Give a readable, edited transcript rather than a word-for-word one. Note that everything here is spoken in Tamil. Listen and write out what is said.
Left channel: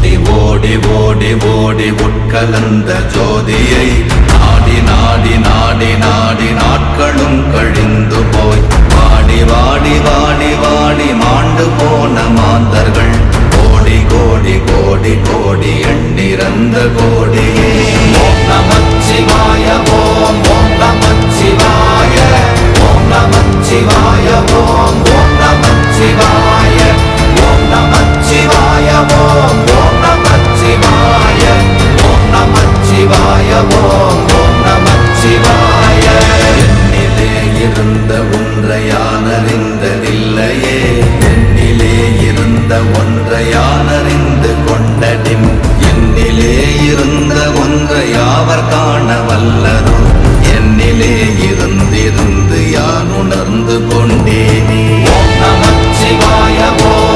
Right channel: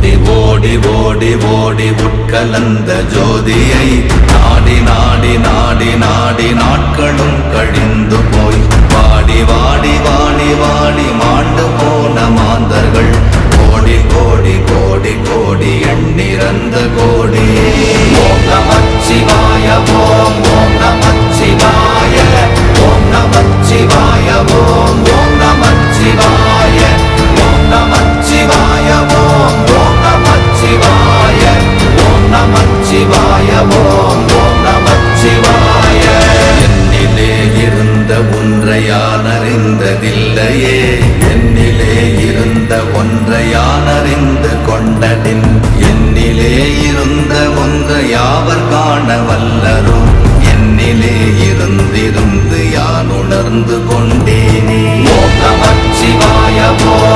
ஓடி ஓடி ஓடி ஓடி உட்கலந்த ஜோதியை நாடி நாடி நாடி நாடி நாட்களும் கழிந்து போய் வாடி வாடி வாடி வாடி மாண்டு போன மாந்தர்கள் கோடி கோடி கோடி கோடி எண்ணிறந்த கோடி. ஓம் நமச்சிவாய ஓம் ஓம் நமச்சிவாய ஓம் நமச்சிவாய ஓம் ஓம் நமச்சிவாய ஓம் நமச்சிவாய ஓம் ஓம் நமச்சிவாய ஓம் நமச்சிவாய ஓம் ஓம் நமச்சிவாய. என்னிலே இருந்த ஒன்றை யான் அறிந்ததில்லையே, என்னிலே இருந்த ஒன்றை யான் அறிந்து கொண்டடின், என்னிலே இருந்த ஒன்றை யாவர் காண வல்லரோ, என்னிலே இருந்திருந்து யான் உணர்ந்து கொண்டேனே. ஓம் நமச்சிவாய ஓம்